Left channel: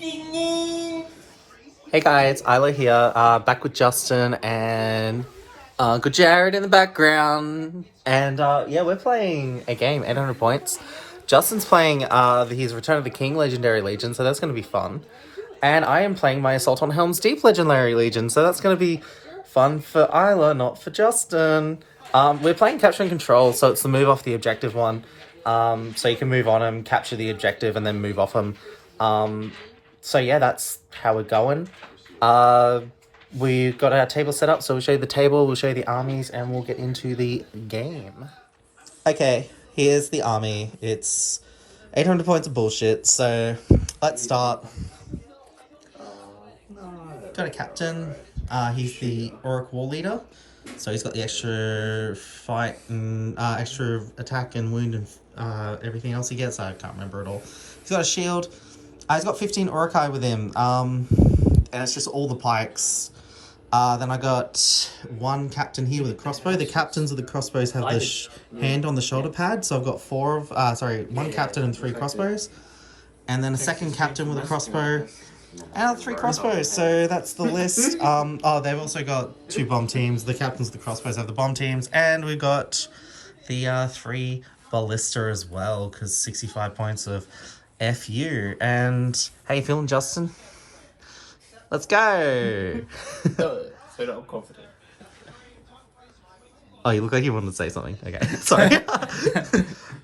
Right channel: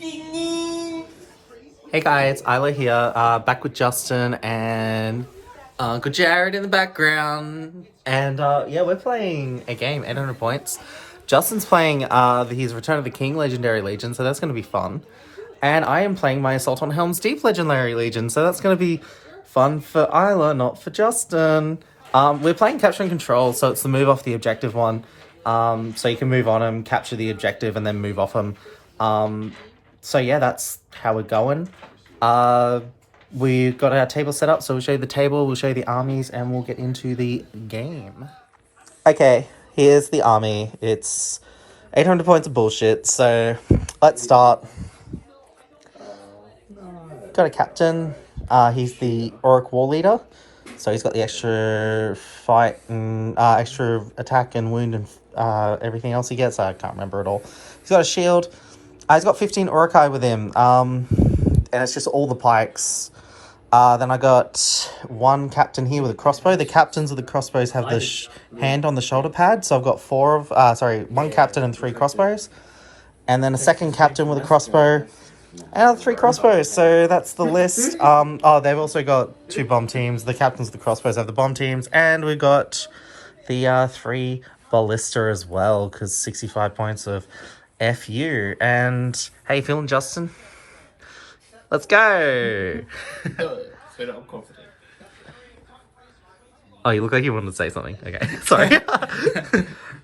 Hey guys, Isla here, back with Justin and Uncle Jared in the background. And yeah, we're playing a game, 800 points. Justin's playing his Return of the King Legendary Legion, so that's going to be fun. And I am playing my Assault on Helms Deep Legendary Legion, so that's going to be fun for Isla, not for Justin. We're playing Capture and Control, so it's the move off the objective one. So you can move on him, capture the objective, and then move off him. So yeah, that's how we're going. We've got our table set up, so we'll show you the table, we'll show you the armies, and we'll get into the game. Okay, here's the army. It's 800 points of bullshit, so let's start. Got a captain. He's the Auric War Leader, so he's got the extra fight and extra attack and wound and everything else he gets. I can't remember it all. He's got a shield. He's got 15 Urukai with him, and it's just all the pikes. Then I got one captain here with a crossbow. The captains of the crossbows have the hand on the shoulder pad, so I've got one captain and 3 crossbows. And then a second captain with a crossbow and 3 crossbows, so that's the list. They've also got 2 bomb teams. The captains of the crossbows have the bomb teams, and we got the 3 ballista as well, because 65 points of FU. And how you feeling, Justin? Let's go! I'm confident. Oh, you look like you wanted to say something. Okay, sorry.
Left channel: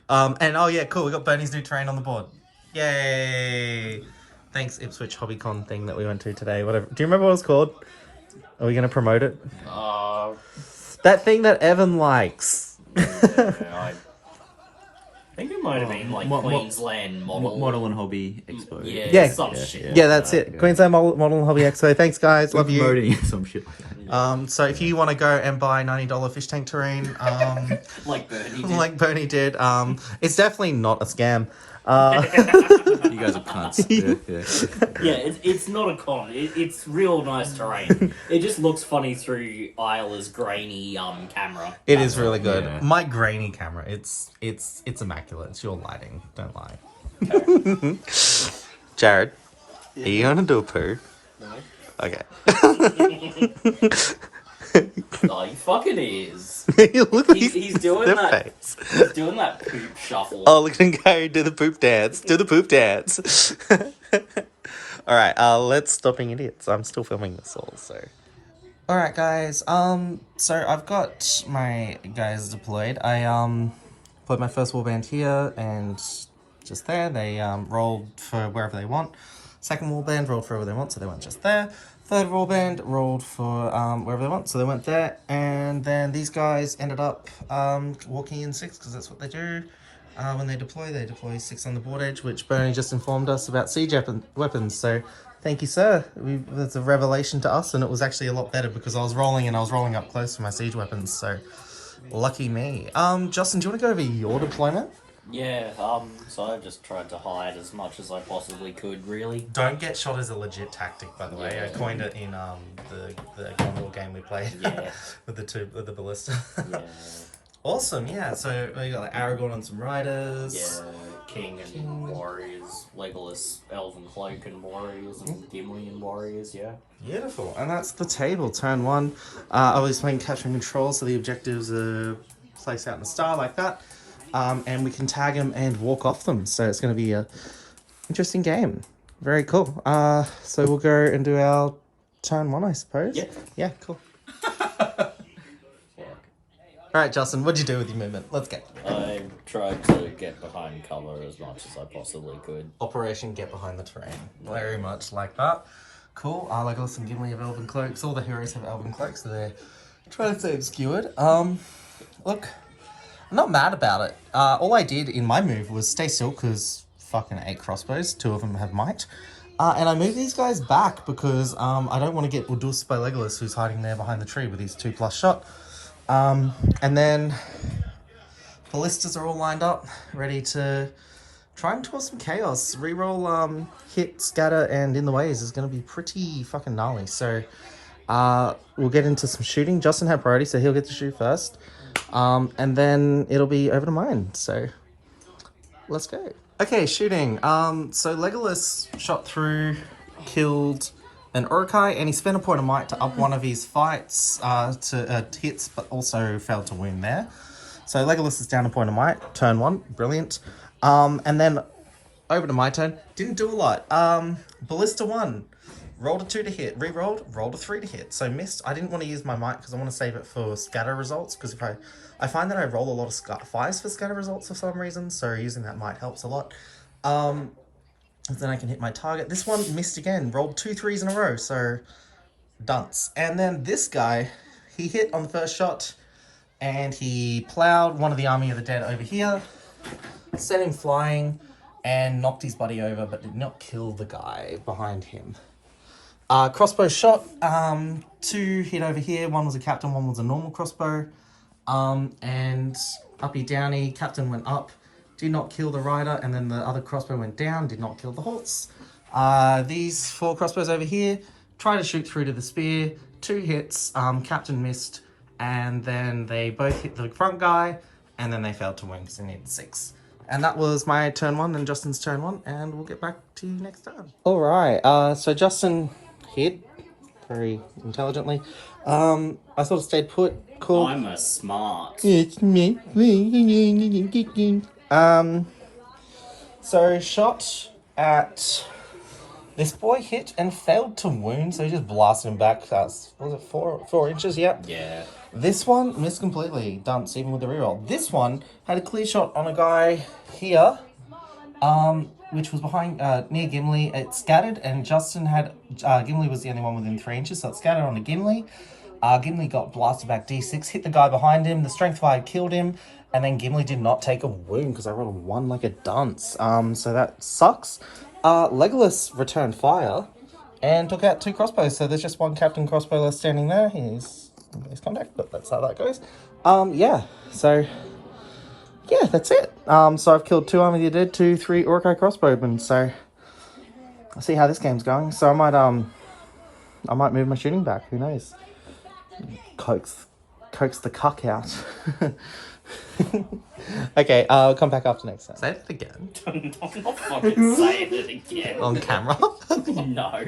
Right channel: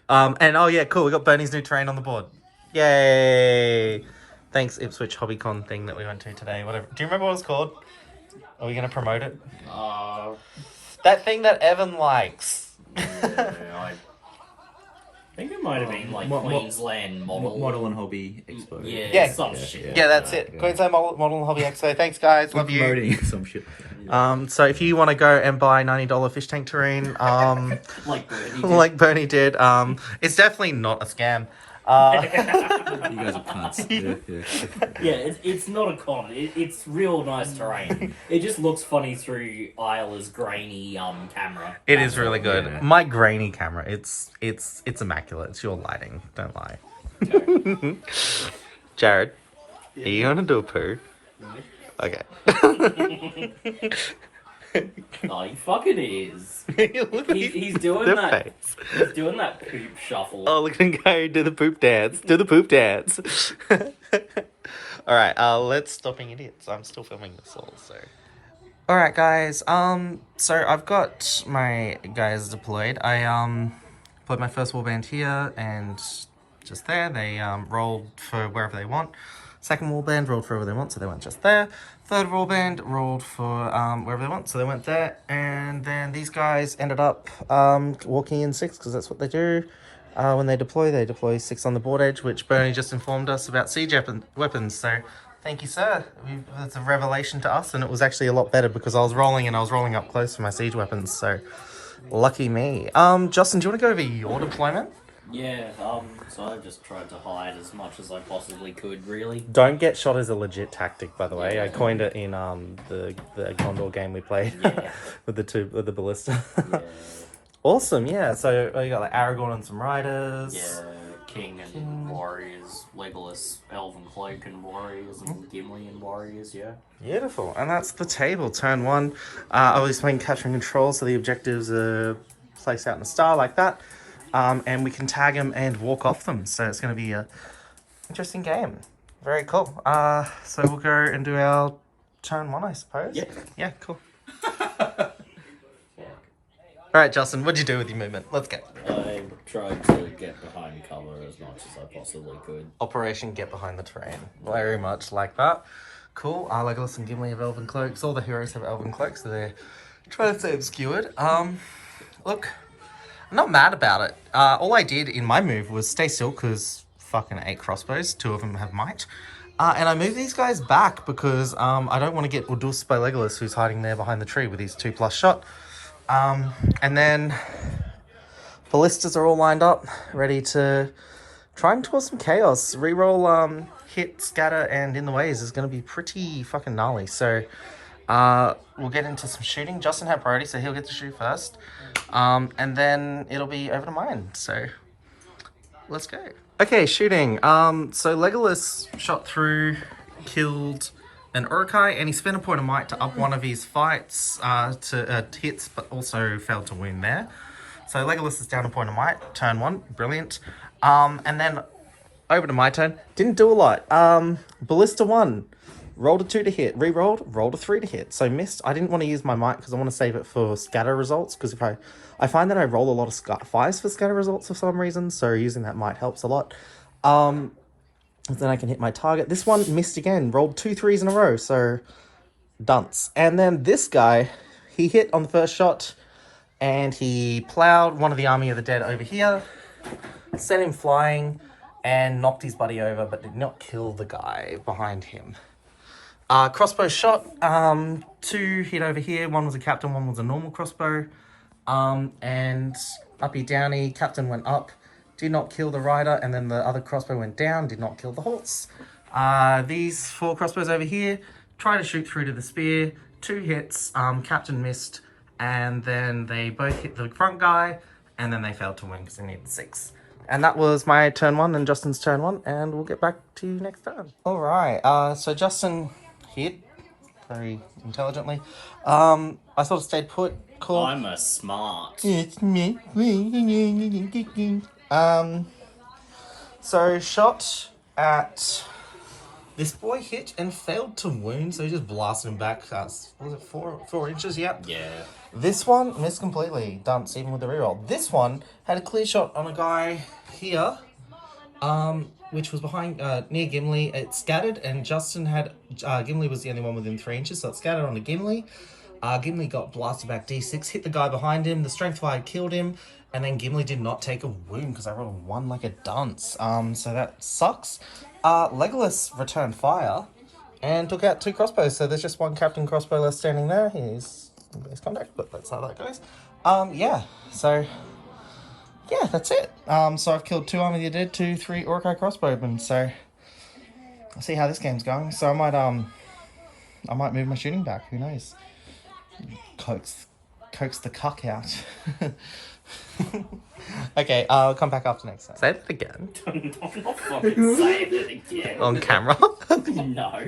And oh yeah, cool. We got Bernie's new terrain on the board. Yay! Thanks, Ipswich HobbyCon thing that we went to today. Whatever. Do you remember what it was called? Are we going to promote it? That thing that Evan likes. I think it might have been like Queensland Model and Hobby Expo. Yeah, some shit. Yeah, that's it. Queensland Model and Hobby Expo. Thanks, guys. Love you. Promoting some shit. So if you want to go and buy $90 fish tank terrain, like Bernie did, it's definitely not a scam. You guys are cunts. Yeah, it's not a con. It's real nice terrain. It just looks funny through Isla's grainy camera. It is really good. Yeah. My grainy camera, it's immaculate. It's your lighting. Don't lie. Jared, are you gonna do a poo? No. Okay. Oh, he fucking is. Look at He's doing their that. face. He's doing that poop shuffle. Oh, look at him go. Do the poop dance. Do the poop dance. All right. Let's stop being idiots. I'm still filming this all, so. All right, guys. So I've got my guys deployed. I put my first warband here and just there. They rolled for wherever they want. Second warband rolled for wherever they want, so they went just there. Third warband rolled for wherever they want, so they went there. And then these guys ended up walking in 6, because that's what they do. When they deploy 6 on the board edge, which Bernie just informed us about siege weapons. So thank you, sir. It's a revelation to us, and it was actually a lot better because I was rolling up close for my siege weapons. So lucky me. Justin, do you want to go over your deployment? Yeah, so I just tried to hide as much as I possibly could, really. Don't get shot as a legit tactic, by the way. Yeah. I coined it in the Condor game we played. Yeah. with the ballista. Yeah. Awesome, yeah. So you got like Aragorn and some riders. Yeah, King and warriors, Legolas, Elven Cloak and warriors, and Gimli and warriors, yeah. Beautiful. And that's the table. Turn 1. I was playing Capture and Control, so the objectives are placed out in a star like that. And we can tag them and walk off them. So it's going to be a interesting game. Very cool. So we'll go and do our turn 1, I suppose. Yeah. Yeah, cool. All right, Justin, what'd you do with your movement? Let's go. I tried to get behind cover as much as I possibly could. Operation Get Behind the Terrain. Very much like that. Cool. Legolas and Gimli have elven cloaks. All the heroes have elven cloaks, so they're trying to stay obscured. Look, I'm not mad about it. All I did in my move was stay still, because fucking 8 crossbows. 2 of them have might. And I moved these guys back because I don't want to get Udus by Legolas, who's hiding there behind the tree with his 2+ shot. And then ballistas are all lined up, ready to try and cause some chaos. Reroll, hit, scatter, and in the ways is going to be pretty fucking gnarly. So we'll get into some shooting. Justin had priority, so he'll get to shoot first. And then it'll be over to mine. So let's go. Okay, shooting. So Legolas shot through, killed an Urukai, and he spent a point of might to up one of his fights to hits, but also failed to win there. So Legolas is down a point of might. Turn 1, brilliant. And then over to my turn. Didn't do a lot. Ballista 1. Rolled a 2 to hit. Re-rolled. Rolled a 3 to hit. So missed. I didn't want to use my might because I want to save it for scatter results. Because if I find that I roll a lot of 5s for scatter results for some reason. So using that might helps a lot. Then I can hit my target. This one missed again. Rolled 2 3s in a row. So dunce. And then this guy, he hit on the first shot. And he plowed one of the Army of the Dead over here. Sent him flying. And knocked his buddy over, but did not kill the guy behind him. Crossbow shot, 2 hit over here. One was a captain, one was a normal crossbow. And uppy downy, captain went up, did not kill the rider, and then the other crossbow went down, did not kill the horse. These 4 crossbows over here, try to shoot through to the spear, 2 hits, captain missed, and then they both hit the front guy, and then they failed to win because they needed 6. And that was my turn 1 and Justin's turn 1, and we'll get back to you next time. Alright, so Justin hit very intelligently. I sort of stayed put. Cool. I'm a smart. It's me. So shot at this boy, hit and failed to wound, so he just blasted him back. Was it 4 inches? Yep. Yeah. This one missed completely. Dunce, even with the reroll. This one had a clear shot on a guy here, which was behind near Gimli. It scattered, and Justin had Gimli was the only one within 3 inches, so it scattered onto Gimli. Gimli got blasted back D6, hit the guy behind him. The strength fire killed him, and then Gimli did not take a wound because I rolled a 1 like a dunce. So that sucks. Legolas returned fire and took out 2 crossbows. So there's just 1 captain crossbow left standing there. He's base contact, but that's how that goes. Yeah, so yeah, that's it. So I've killed 2 Army of the Dead, 2, 3 Urukai crossbowmen, so I'll see how this game's going. So I might move my shooting back, who knows? Coax the cuck out. Okay, I'll come back after next time. Say it again. I'm not fucking saying it again. On camera? No.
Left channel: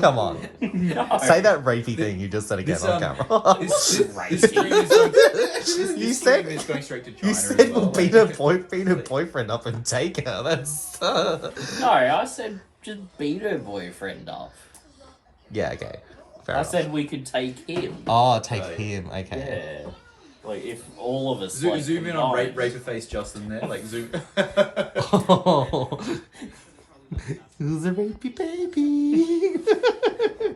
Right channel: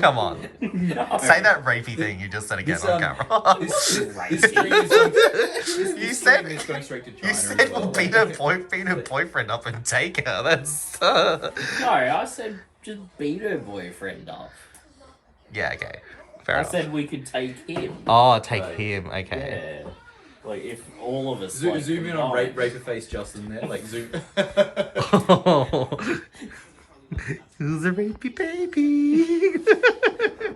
Come on. No. Say that rapey thing you just said again on camera. This Right. stream is going, this You stream said- is going straight to China You as said well. beat her boyfriend up and take her. That's No, I said just beat her boyfriend up. yeah, okay. Fair I enough. said we could take him. Oh, take Right. him. Okay. Yeah. Like, if all of us... Zoom, like, zoom in on combined- raper face Justin there, like zoom. Oh. Who's a rapey baby?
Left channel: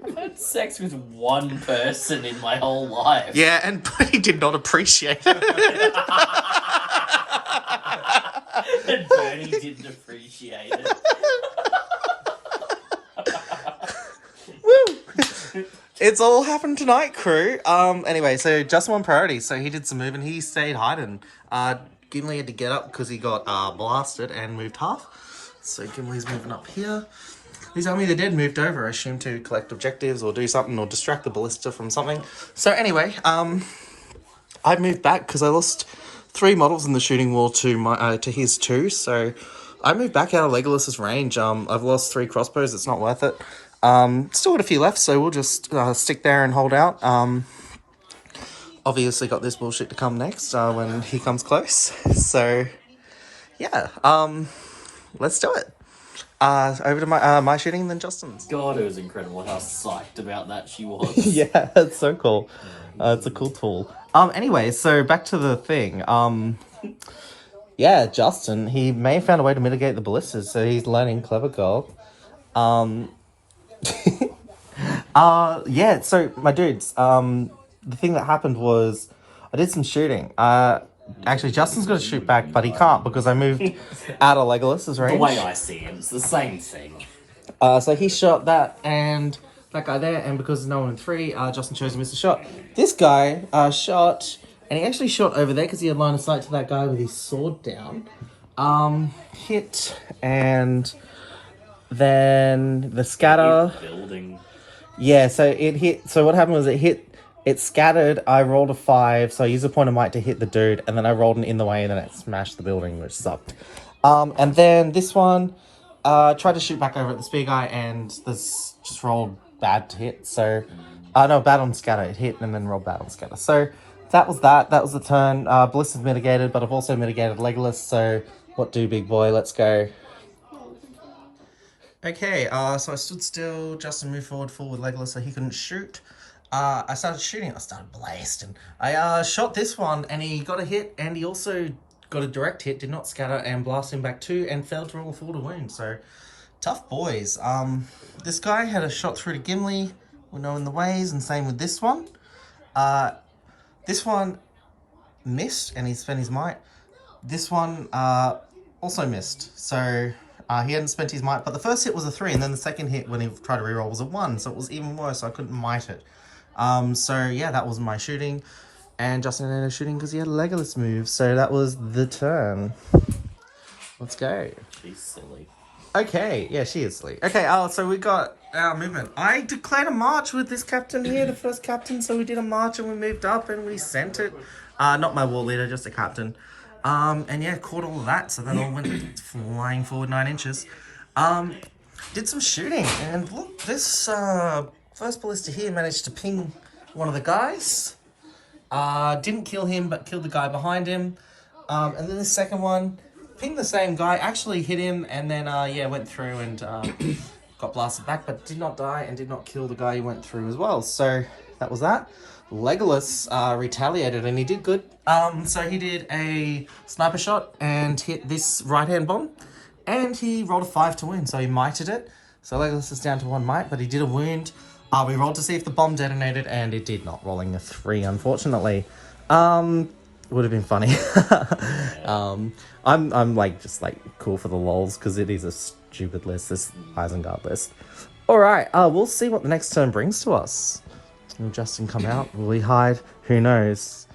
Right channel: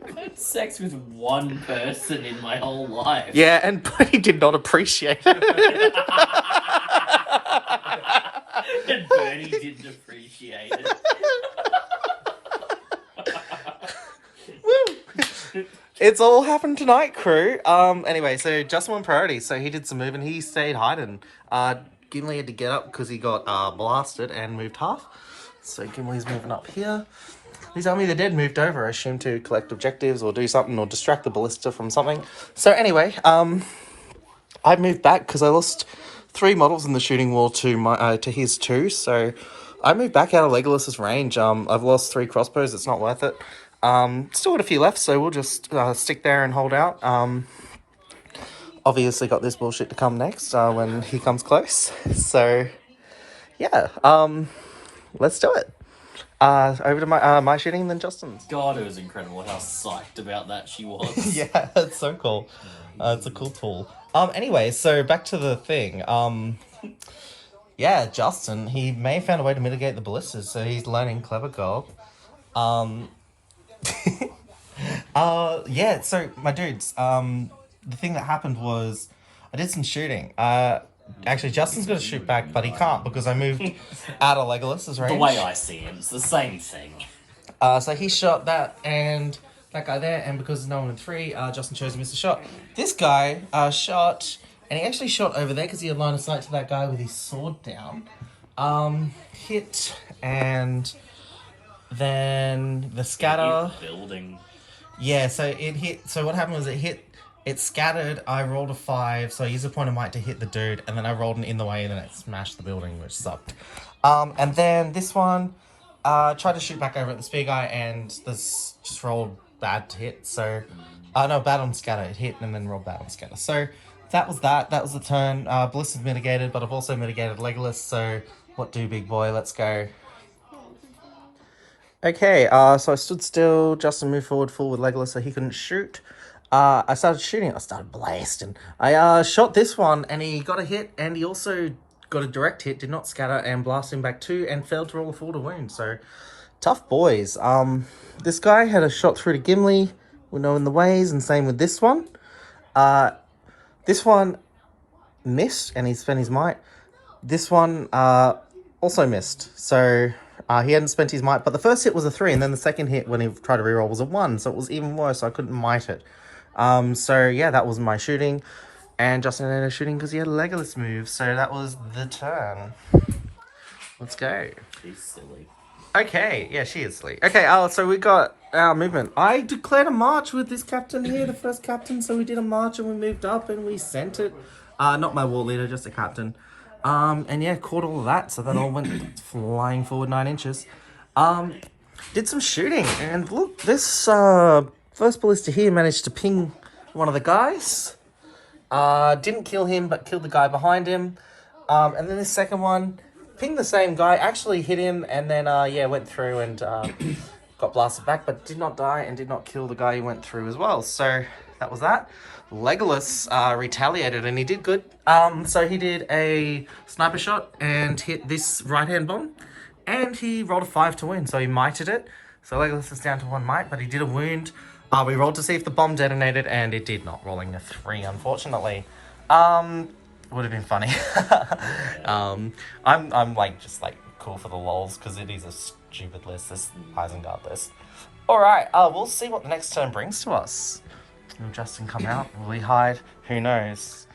I've had sex with 1 person in my whole life. Yeah, and he did not appreciate it. And Bernie didn't appreciate it. Woo! It's all happened tonight, crew. Anyway, so Justin won priority, so he did some moving. He stayed hiding. Gimli had to get up because he got blasted and moved half. So Gimli's moving up here. These Army of the Dead moved over, I assume, to collect objectives or do something or distract the ballista from something. So anyway, I moved back because I lost 3 models in the shooting war to his 2. So I moved back out of Legolas's range. I've lost 3 crossbows. It's not worth it. Still got a few left, so we'll just stick there and hold out. Obviously got this bullshit to come next when he comes close. So yeah, let's do it. Over to my shooting and then Justin's. God, it was incredible how psyched about that she was. Yeah, it's so cool. It's a cool tool. Anyway, so back to the thing. Yeah, Justin, he may have found a way to mitigate the ballistas, so he's learning clever gold. Yeah, so my dudes, the thing that happened was I did some shooting. Actually, Justin's going to shoot back, but he can't because I moved out of Legolas's range. The way I see him, it's the same thing. So he shot that and that guy there, and because there's no one in 3, Justin chose to miss a shot. This guy shot, and he actually shot over there because he had line of sight to that guy with his sword down. Hit, and then the scatter. Building. Yeah, so it hit. So what happened was it It scattered. I rolled a 5, so I used a point of might to hit the dude, and then I rolled an in the way, and then it smashed the building, which sucked. And then this one, tried to shoot back over at the spear guy, and this just rolled bad to hit. So, no, bad on scatter. It hit and then rolled bad on scatter. So that was that. That was the turn. Bliss is mitigated, but I've also mitigated Legolas. So what do, big boy? Let's go. Okay, so I stood still. Justin moved forward full with Legolas so he couldn't shoot. I started shooting. I started blasting. I shot this one and he got a hit, and he also got a direct hit, did not scatter, and blasted him back 2 and failed to roll a 4 to wound. So tough boys. This guy had a shot through to Gimli, we're knowing the ways, and same with this one. This one missed and he spent his might. This one also missed. So he hadn't spent his might, but the first hit was a 3, and then the second hit when he tried to reroll was a 1, so it was even worse. So I couldn't might it. So yeah, that was my shooting, and Justin ended up shooting because he had a Legolas move. So that was the turn. Let's go. She's silly. Okay, yeah, she is silly. Okay, so we got our movement. I declared a march with this captain here, the first captain. So we did a march and we moved up and we sent it. Not my war leader, just a captain. And yeah, caught all of that. So that all went flying forward 9 inches. Did some shooting, and look, this first ballista here managed to ping one of the guys. Didn't kill him, but killed the guy behind him. And then the second one pinged the same guy, actually hit him, and then yeah, went through and got blasted back, but did not die and did not kill the guy he went through as well. So that was that. Legolas retaliated, and he did good. So he did a sniper shot and hit this right-hand bomb, and he rolled a 5 to wound, so he mited it. So Legolas is down to 1 might, but he did a wound. We rolled to see if the bomb detonated, and it did not, rolling a 3, unfortunately. Would have been funny. I'm like just like cool for the lols because it is a stupid list, this Isengard list. All right, we'll see what the next turn brings to us. Will Justin come out? Will he hide? Who knows?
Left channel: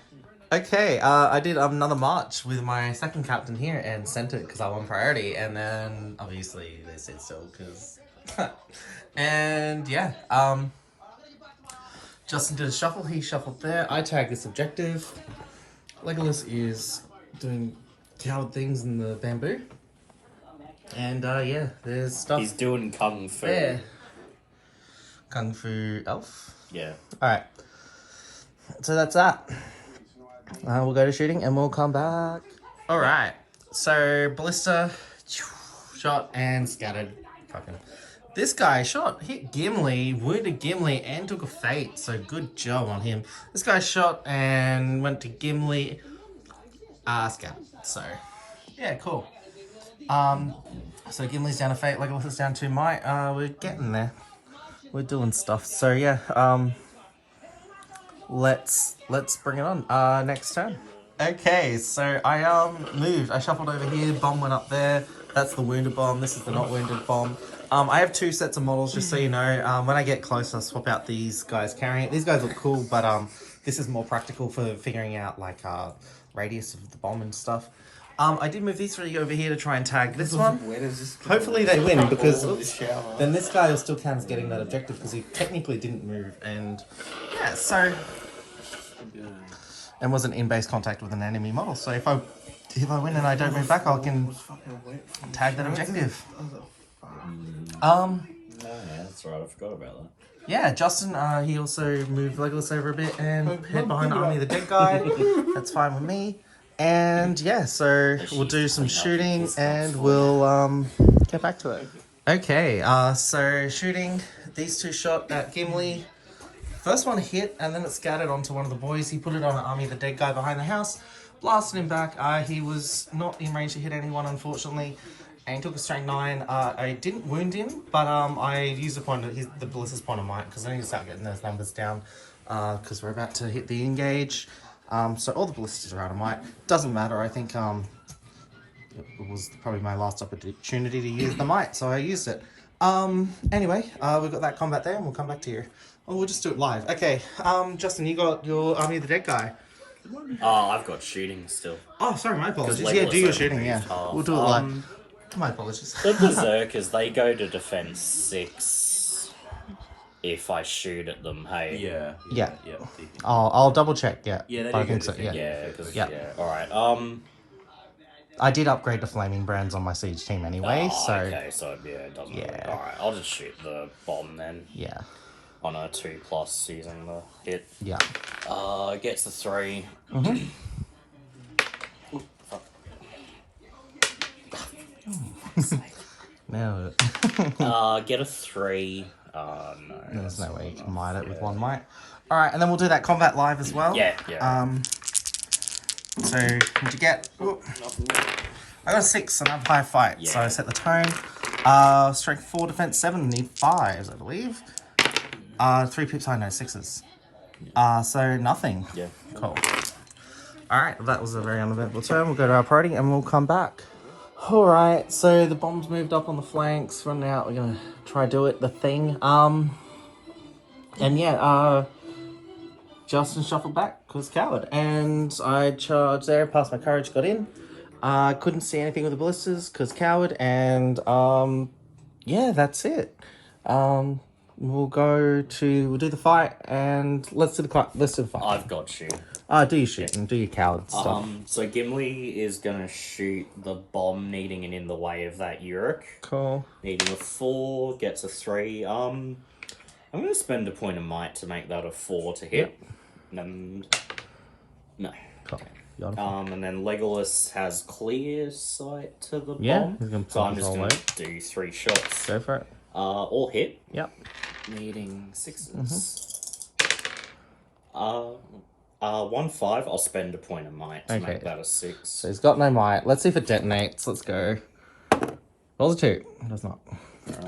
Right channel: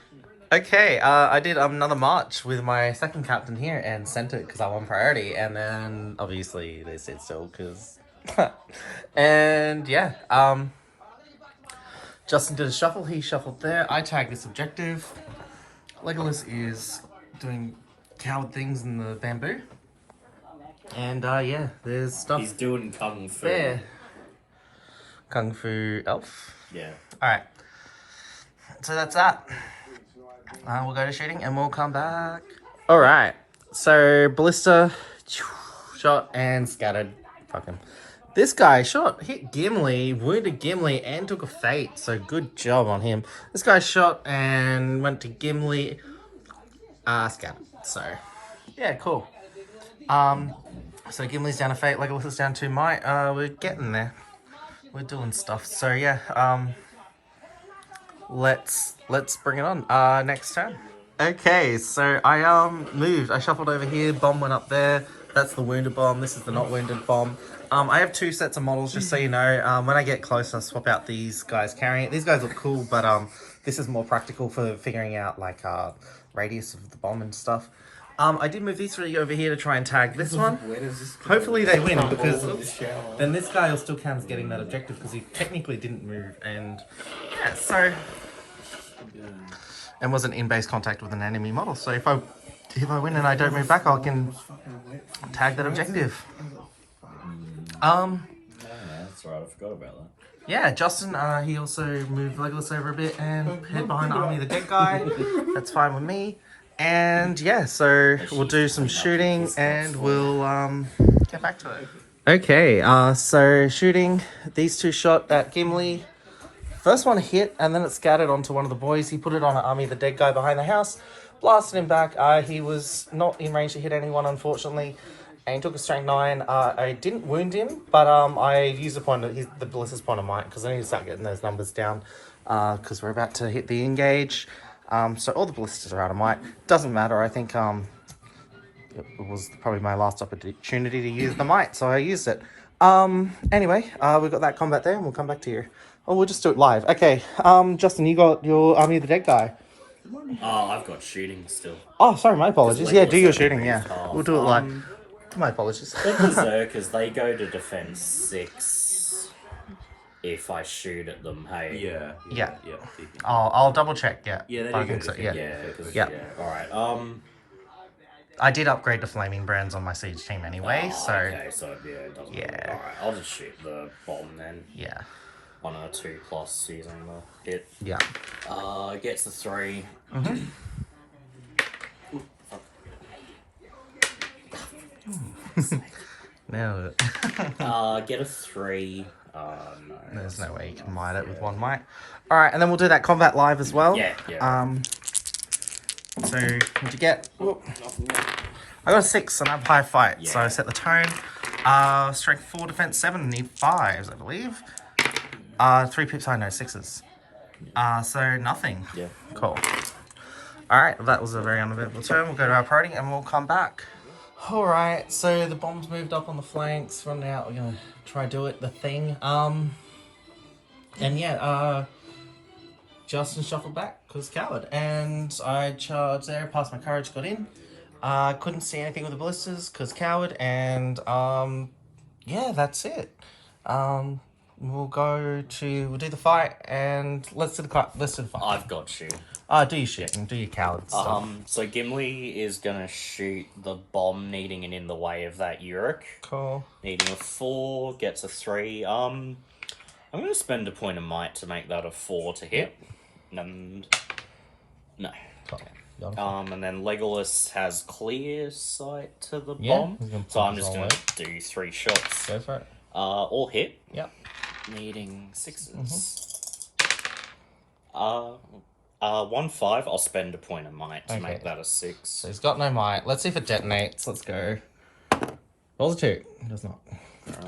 Okay, I did another march with my second captain here and sent it because I won priority, and then obviously they said so because. And yeah, Justin did a shuffle. He shuffled there. I tagged this objective. Legolas is doing coward things in the bamboo. And yeah, there's stuff. He's doing kung fu. Yeah. Kung Fu elf. Yeah. Alright. So that's that. We'll go to shooting and we'll come back. Alright. So ballista, shot and scattered. Fucking. This guy shot, hit Gimli, wounded Gimli, and took a fate. So good job on him. This guy shot and went to Gimli, scattered. So yeah, cool. So Gimli's down a fate, Legolas is down 2 might. We're getting there. We're doing stuff. So yeah, let's bring it on. Next turn. Okay, so I moved. I shuffled over here. Bomb went up there. That's the wounded bomb. This is the not wounded bomb. I have 2 sets of models, just so you know. When I get close, I'll swap out these guys carrying it. These guys look cool, but this is more practical for figuring out like radius of the bomb and stuff. I did move these 3 over here to try and tag this one. Hopefully they win, because then this guy will still count as getting that objective because he technically didn't move, and yeah, so and wasn't in base contact with an enemy model. So if I win and I don't move back, I can tag that objective. That's right, I forgot about that. Yeah, Justin, he also moved Legolas over a bit and hid behind Army of the Dead guy. That's fine with me. And yeah, so we'll do some shooting and we'll get back to it. Okay, so shooting, these 2 shot at Gimli. First one hit and then it scattered onto one of the boys. He put it on an Army of the Dead guy behind the house, blasted him back. He was not in range to hit anyone, unfortunately. And he took a strength 9. I didn't wound him, but I used the ballista's point of might because I need to start getting those numbers down because we're about to hit the engage. So all the ballistas are out of might. Doesn't matter. I think it was probably my last opportunity to use the might, so I used it. Anyway, we've got that combat there, and we'll come back to you. Oh, we'll just do it live. Okay. Justin, you got your Army of the Dead guy. Oh, I've got shooting still. Oh, sorry, my apologies. Yeah, do your shooting. Yeah, we'll do it live. My apologies. The Berserkers, they go to defense 6. if I shoot at them. Hey. Yeah. DP. I'll double check. Yeah. Yeah, there I you go. think so. Yeah. Yeah. Yeah. All right. I did upgrade to flaming brands on my siege team anyway, so okay. So yeah, it doesn't. Yeah. Really, all right. I'll just shoot the bomb then. yeah. On a 2+ using the hit. Yeah. Gets the 3. Now Get a 3. No. there's no way you can mite it with one mite. All right, and then we'll do that combat live as well. Yeah. So what'd you get? I got a 6 and I have high fight, so I set the tone. Strength 4, defense 7, need 5s, I believe. 3 pips high, no 6s. So nothing. Yeah. Cool. Alright, that was a very uneventful turn. We'll go to our party and we'll come back. Alright, so the bomb's moved up on the flanks, running out, we're gonna try do it, the thing. And yeah, Justin shuffled back, cause coward. And I charged there, passed my courage, got in. Couldn't see anything with the ballistas, cause coward, and yeah, that's it. We'll do the fight, and let's do the fight. I've got you. Do your shit and do your coward stuff. So Gimli is gonna shoot the bomb, needing it in the way of that Uruk. Cool. Needing a 4, gets a 3. I'm gonna spend a point of might to make that a 4 to hit. And no. Cool. And then Legolas has clear sight to the Yeah, bomb, so I'm just gonna do 3 shots. Go for it. All hit. Yep. Needing 6s. 1-5. I'll spend a point of might to make that a 6. So he's got no might. Let's see if it detonates. Let's go. Rolls a 2. It does not.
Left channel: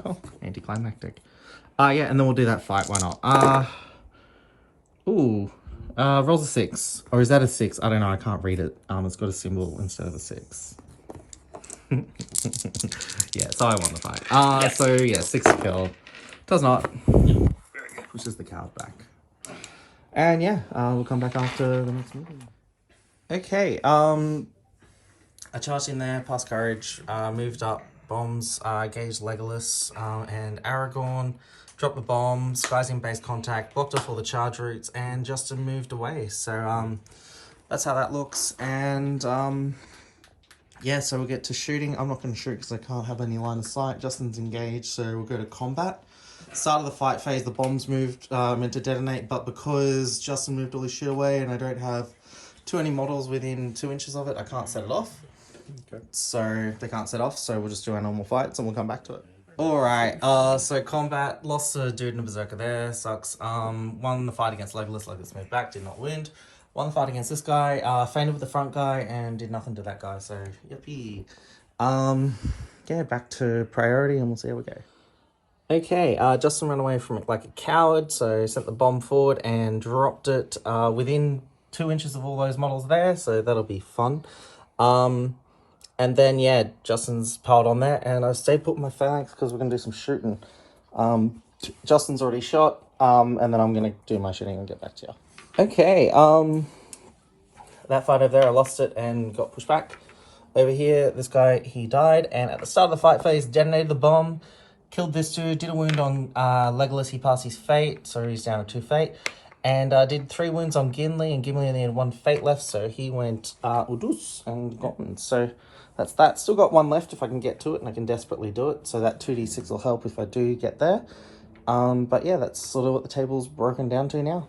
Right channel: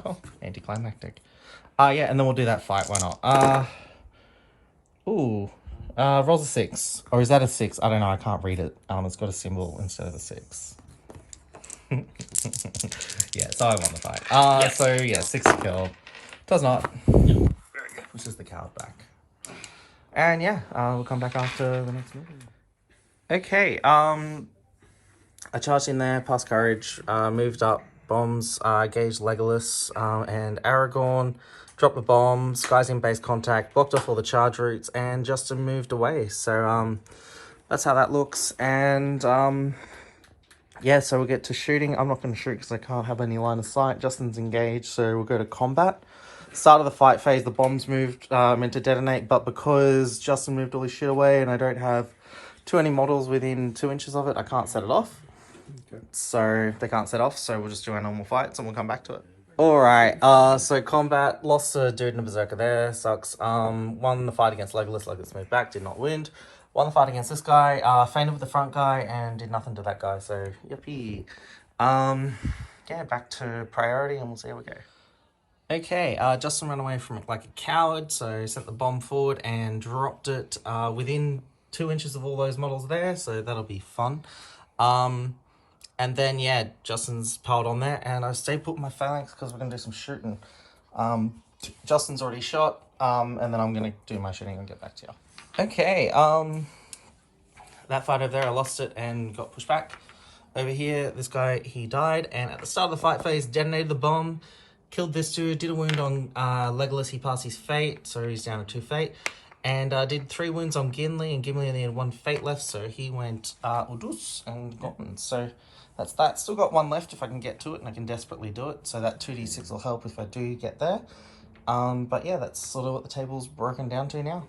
Cool. Anticlimactic. Yeah, and then we'll do that fight. Why not? Rolls a 6. Or is that a 6? I don't know. I can't read it. It's got a symbol instead of a 6. Yeah, so I won the fight. Yes. So yeah, 6 killed. Does not. Very good. Pushes the coward back. And yeah, we'll come back after the next movie. Okay, I charged in there, passed courage, moved up bombs, gauged Legolas and Aragorn, dropped the bomb, skies in base contact, blocked off all the charge routes, and Justin moved away. So that's how that looks. And yeah, so we'll get to shooting. I'm not going to shoot because I can't have any line of sight. Justin's engaged, so we'll go to combat. Start of the fight phase, the bombs moved, meant to detonate, but because Justin moved all his shit away and I don't have too many models within 2 inches of it, I can't set it off. Okay. So they can't set off, so we'll just do our normal fights and we'll come back to it. Alright, so combat, lost a dude in a berserker there, sucks. Won the fight against Legolas, Legolas moved back, did not win. Won the fight against this guy, fainted with the front guy and did nothing to that guy, so yippee. Yeah, back to priority and we'll see how we go. Okay, Justin ran away from it like a coward, so sent the bomb forward and dropped it within 2 inches of all those models there, so that'll be fun. And then, yeah, Justin's piled on there, and I stayed put with my phalanx because we're going to do some shooting. Justin's already shot, and then I'm going to do my shooting and get back to you. Okay, that fight over there, I lost it and got pushed back. Over here, this guy, he died, and at the start of the fight phase, detonated the bomb. Killed this dude, did a wound on Legolas, he passed his fate, so he's down to 2 fate. And did 3 wounds on Gimli, and Gimli only had 1 fate left, so he went Udus and gotten. So that's that. Still got 1 left if I can get to it, and I can desperately do it. So that 2d6 will help if I do get there. But yeah, that's sort of what the table's broken down to now.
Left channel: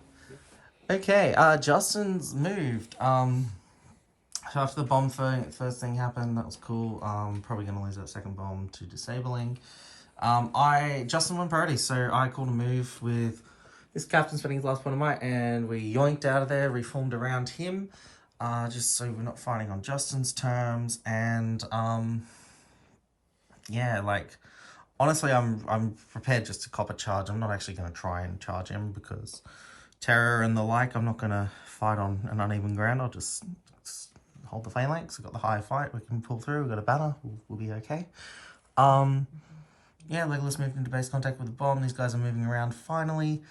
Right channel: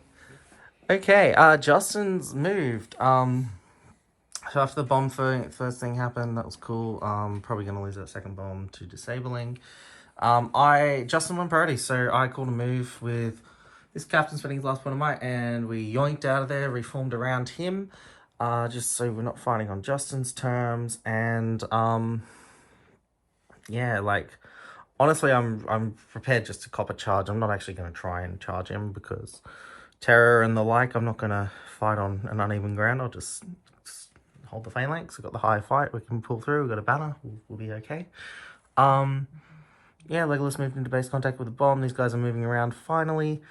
Okay, Justin's moved. So after the bomb first thing happened, that was cool. Probably going to lose that second bomb to disabling. Justin won priority, so I called a move with this captain spending his last point of might, and we yoinked out of there, reformed around him, just so we're not fighting on Justin's terms, and, yeah, like, honestly, I'm prepared just to cop a charge. I'm not actually going to try and charge him, because terror and the like, I'm not going to fight on an uneven ground. I'll just hold the phalanx. We've got the high fight, we can pull through, we've got a banner, we'll be okay. Yeah, Legolas moved into base contact with the bomb. These guys are moving around finally.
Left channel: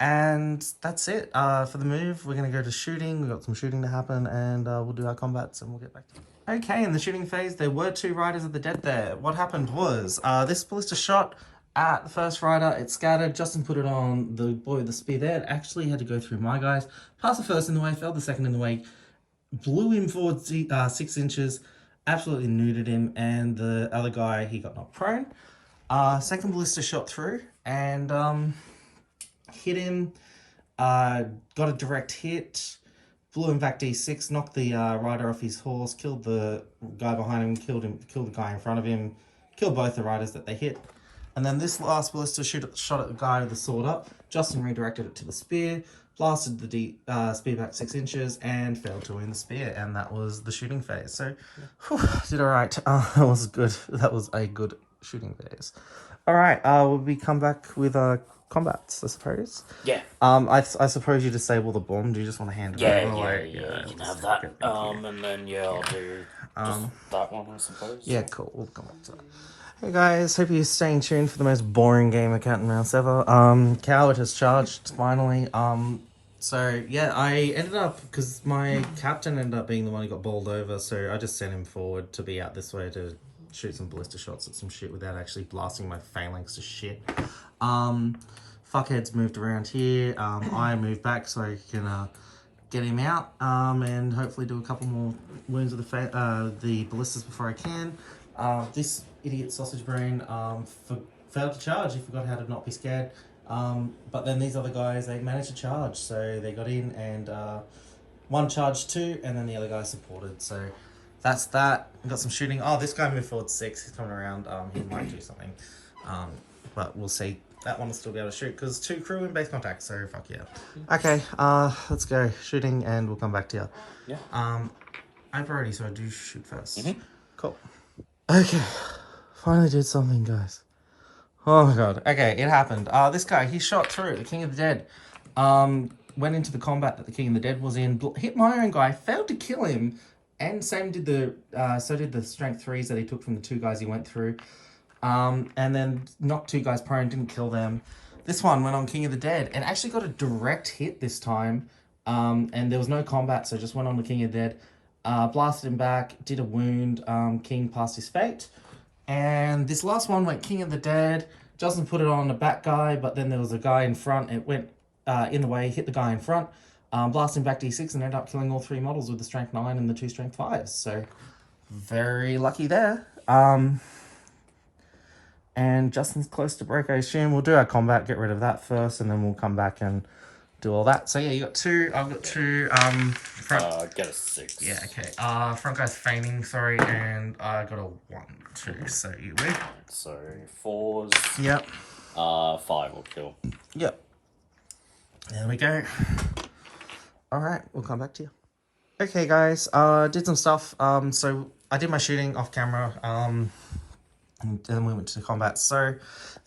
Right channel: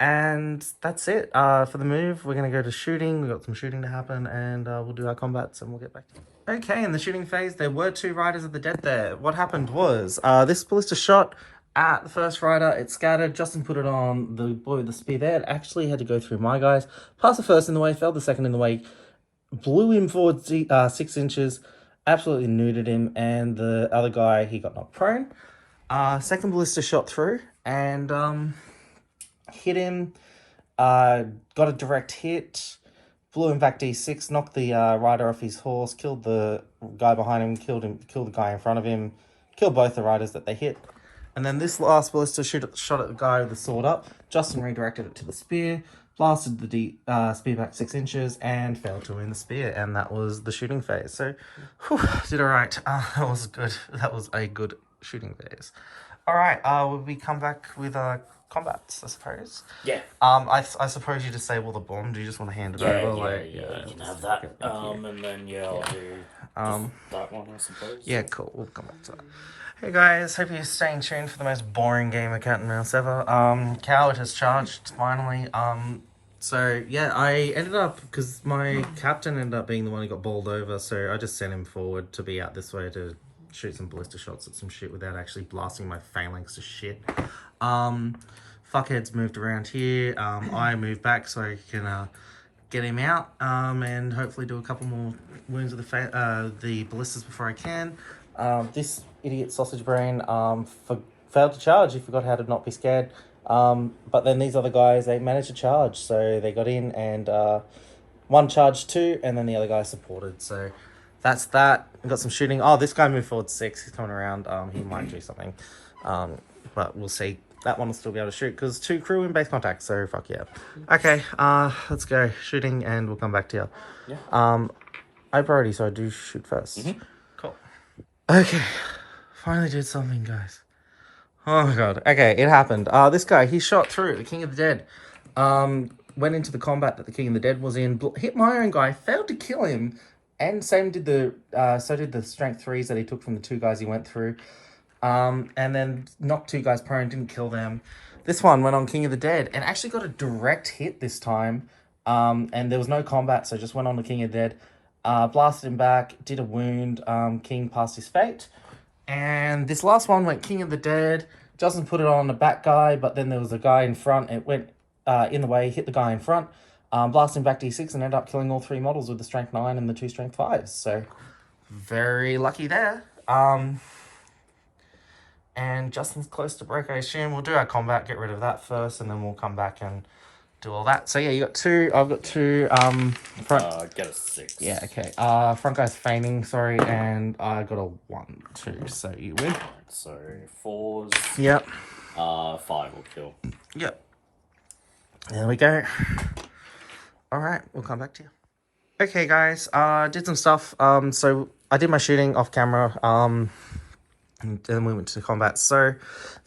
And that's it for the move. We're going to go to shooting. We've got some shooting to happen, and we'll do our combats and we'll get back. Okay, in the shooting phase, there were 2 Riders of the Dead there. What happened was, this ballista shot At the first rider, it scattered. Justin put it on the boy with the spear there. It actually had to go through my guys. Passed the first in the way, failed the second in the way, blew him forward 6 inches, absolutely neutered him, and the other guy, he got knocked prone. Second ballista shot through and hit him. Got a direct hit, blew him back D6, knocked the rider off his horse, killed the guy behind him, killed the guy in front of him, killed both the riders that they hit. And then this last ballista shot at the guy with the sword up. Justin redirected it to the spear, blasted the spear back 6 inches, and failed to win the spear. And that was the shooting phase. So, whew, did all right. That was good. That was a good shooting phase. All right. We come back with combats, I suppose. Yeah. I suppose you disable the bomb. Do you just want to hand it over? Yeah, you can have that. And then I'll do that one, I suppose. Yeah, cool. We'll come back to that. Hey guys, hope you're staying tuned for the most boring game of Cat and Mouse ever. Coward has charged finally. So yeah, I ended up, because my captain ended up being the one who got bowled over, so I just sent him forward to be out this way to shoot some ballista shots at some shit without actually blasting my phalanx to shit. Fuckhead's moved around here. I moved back so I can get him out and hopefully do a couple more wounds with the ballistas before I can. This idiot sausage brain failed to charge. He forgot how to not be scared. But then these other guys, they managed to charge, so they got in and one charged 2, and then the other guy supported. So that's that. We got some shooting. Oh, this guy moved forward 6. He's coming around. He might do something, but we'll see. That one will still be able to shoot because 2 crew in base contact. So fuck yeah. Okay, let's go shooting, and we'll come back to you. Yeah. I have priority, so I do shoot first. Cool. Okay, finally did something, guys. Oh my god. Okay, it happened. This guy, he shot through the King of the Dead. Went into the combat that the King of the Dead was in. Hit my own guy, failed to kill him, and same did so did the strength 3s that he took from the 2 guys he went through. And then knocked 2 guys prone, didn't kill them. This one went on King of the Dead and actually got a direct hit this time. And there was no combat, so just went on the King of the Dead. Blasted him back, did a wound. King passed his fate. And this last one went King of the Dead. Justin put it on the back guy, but then there was a guy in front. It went in the way, hit the guy in front. Blasted him back D6 and ended up killing all 3 models with the strength 9 and the 2 strength 5s. So, very lucky there. And Justin's close to break, I assume. We'll do our combat, get rid of that first, and then we'll come back and do all that. So yeah, you got 2. I've got 2. Front. Get a 6. Yeah, okay. Front guy's feigning, sorry, and I got a 1, 2. So you win. So 4s. Yep. 5 will kill. Yep. There we go. All right, we'll come back to you. Okay, guys. Did some stuff. So I did my shooting off camera. And then we went to combat. So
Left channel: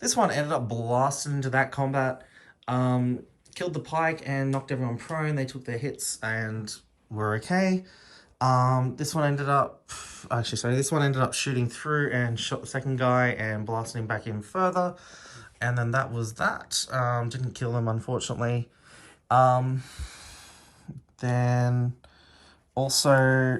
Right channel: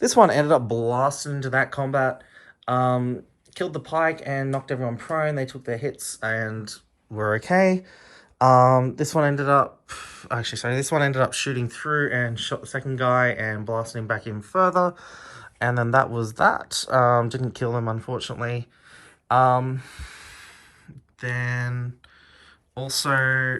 this one ended up blasting into that combat. Killed the pike and knocked everyone prone. They took their hits and were okay. This one ended up shooting through and shot the second guy and blasted him back in further. And then that was that. Didn't kill him, unfortunately. Then also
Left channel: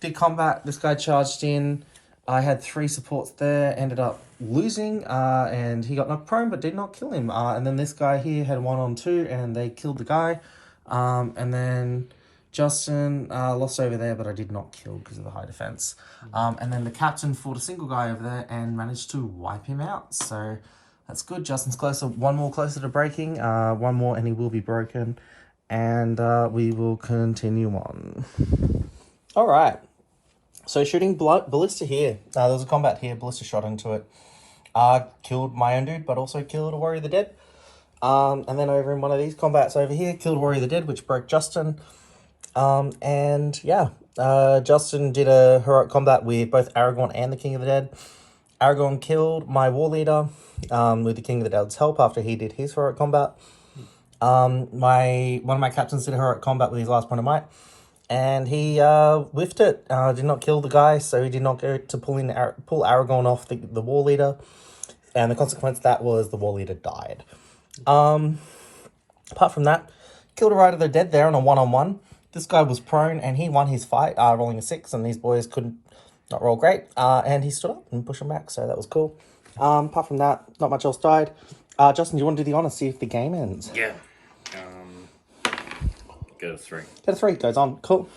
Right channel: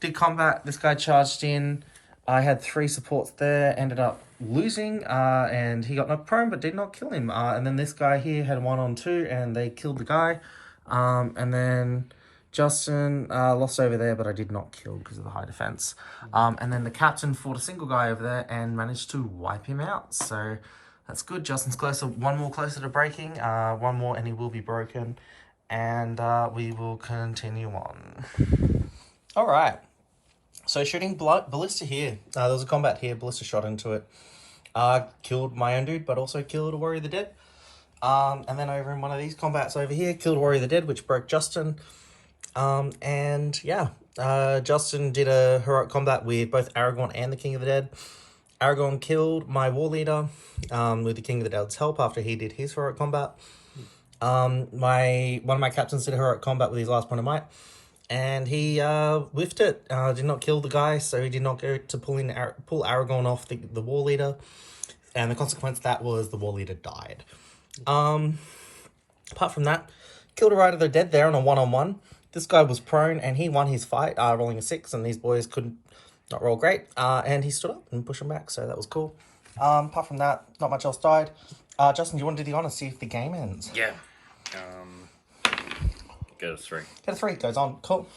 did combat. This guy charged in. I had 3 supports there, ended up losing, and he got knocked prone, but did not kill him. And then this guy here had 1 on 2, and they killed the guy. And then Justin lost over there, but I did not kill because of the high defense. And then the captain fought a single guy over there and managed to wipe him out. So that's good. Justin's closer, 1 more closer to breaking, 1 more, and he will be broken. And we will continue on. All right. So shooting ballista here. There was a combat here. Ballista shot into it. Killed my own dude, but also killed a Warrior of the Dead. And then over in one of these combats over here, killed Warrior of the Dead, which broke Justin. And yeah, Justin did a heroic combat with both Aragorn and the King of the Dead. Aragorn killed my war leader with the King of the Dead's help after he did his heroic combat. One of my captains did a heroic combat with his last point of might. And he whiffed it, did not kill the guy, so he did not go to pull Aragorn off the war leader. And the consequence of that was the war leader died. Apart from that, killed a Rider of the Dead there on a 1-on-1. This guy was prone, and he won his fight, rolling a 6, and these boys could not roll great. And he stood up and pushed him back, so that was cool. Apart from that, not much else died. Justin, do you want to do the honours, see if the game ends? Yeah. Go to 3. Go to 3, goes on. Cool.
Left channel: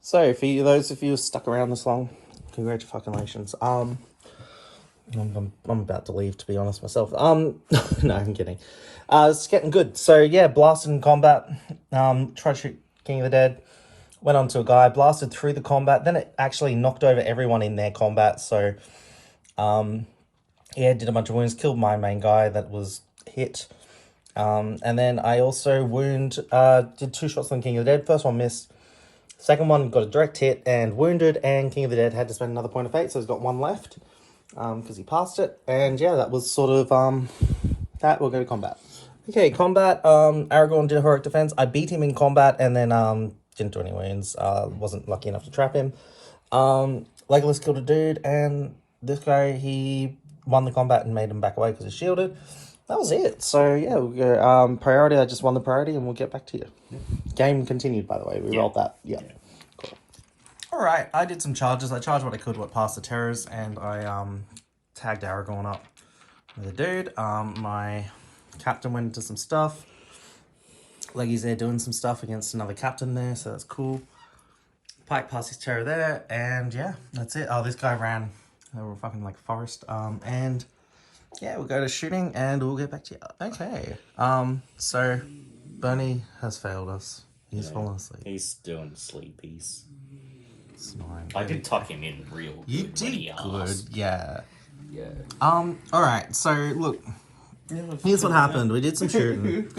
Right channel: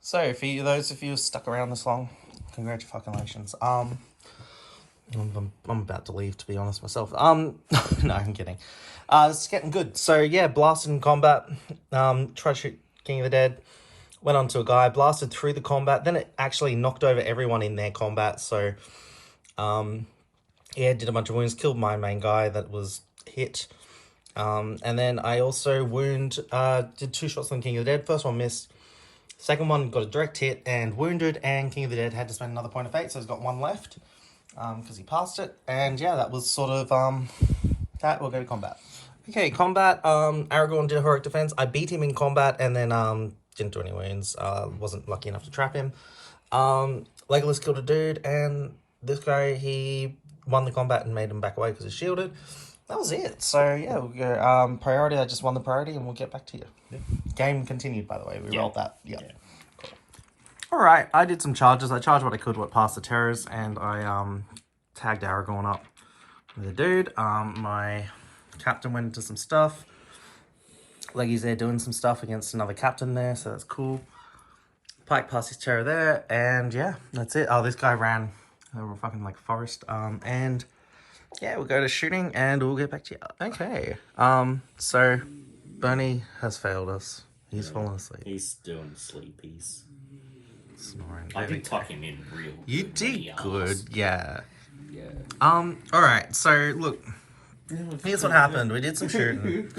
So, for you, those of you who stuck around this long, congratulations. I'm about to leave, to be honest myself. No, I'm kidding. It's getting good. So yeah, blasted in combat. Tried to shoot King of the Dead. Went on to a guy, blasted through the combat. Then it actually knocked over everyone in their combat. So, yeah, did a bunch of wounds. Killed my main guy that was hit. And then I also did 2 shots on King of the Dead. First one missed. Second one got a direct hit and wounded. And King of the Dead had to spend another point of fate. So he's got 1 left. Because he passed it, and yeah, that was sort of that. We'll go to combat. Okay, combat. Aragorn did a heroic defense. I beat him in combat, and then didn't do any wounds. Wasn't lucky enough to trap him. Legolas killed a dude, and this guy, he won the combat and made him back away because he shielded. That was it. So yeah, we'll go priority. I just won the priority, and we'll get back to you. Yeah. Game continued, by the way. We rolled that. Yeah. Alright, I did some charges. I charged what I could, what past the terrors, and I tagged Aragorn up with a dude. My captain went into some stuff. Leggy's there doing some stuff against another captain there, so that's cool. Pike passed his terror there, and yeah, that's it. Oh, this guy ran over fucking like a forest. And yeah, we'll go to shooting, and we'll get back to you. Okay. So Bernie has failed us. He's fallen asleep. He's doing sleepies. Snoring. I did tuck him in real good. You did good, yeah. Yeah. Alright, so look. Here's what happened. We did some shooting.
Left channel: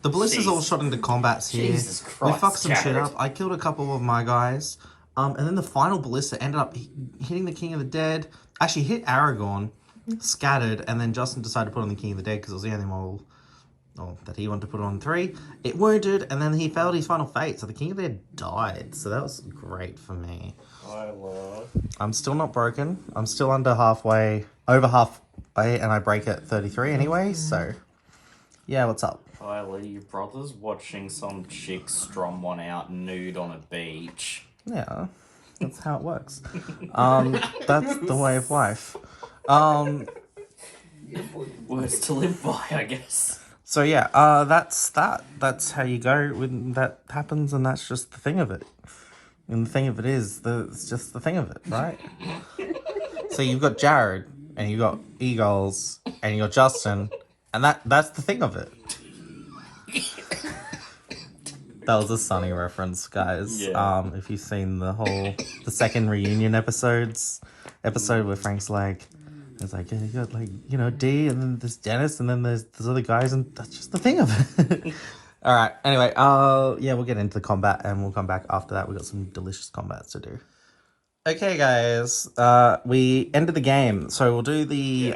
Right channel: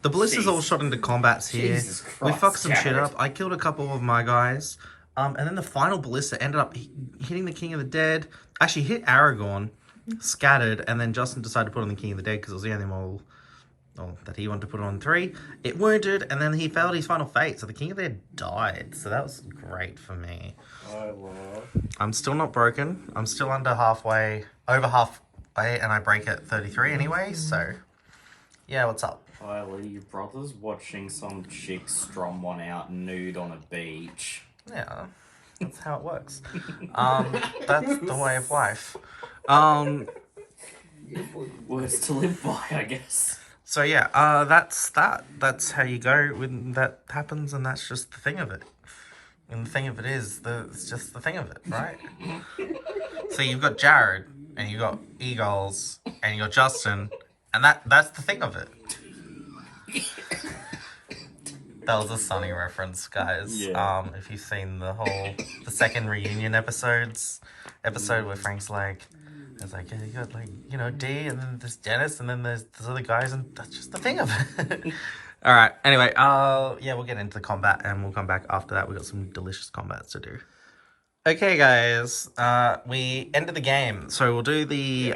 The ballistas all shot into combats here. Jesus Christ, we fucked some shit Jared. up. I killed a couple of my guys. And then the final ballista ended up hitting the King of the Dead. Actually hit Aragorn, scattered, and then Justin decided to put on the King of the Dead because it was the only model that he wanted to put on 3. It wounded, and then he failed his final fate, so the King of the Dead died. So that was great for me. I'm still not broken. I'm still over halfway, and I break at 33 anyway, so yeah, what's up? Tyler, your brother's watching some chick strum one out nude on a beach. Yeah, that's how it works. That's the way of life. Words to live by, I guess. So yeah, that's that. That's how you go when that happens, and that's just the thing of it. And the thing of it is, it's just the thing of it, right? So you've got Jared, and you've got Eagles, and you got Justin, and that's the thing of it. That was a Sunny reference, guys. Yeah. If you've seen the second reunion episode where Frank's like, it's like, yeah, you got like, you know, D, and then there's Dennis, and then there's other guys, and that's just the thing of it. All right. Anyway, yeah, we'll get into the combat, and we'll come back after that. We got some delicious combats to do. Okay, guys, we ended the game, so we'll do the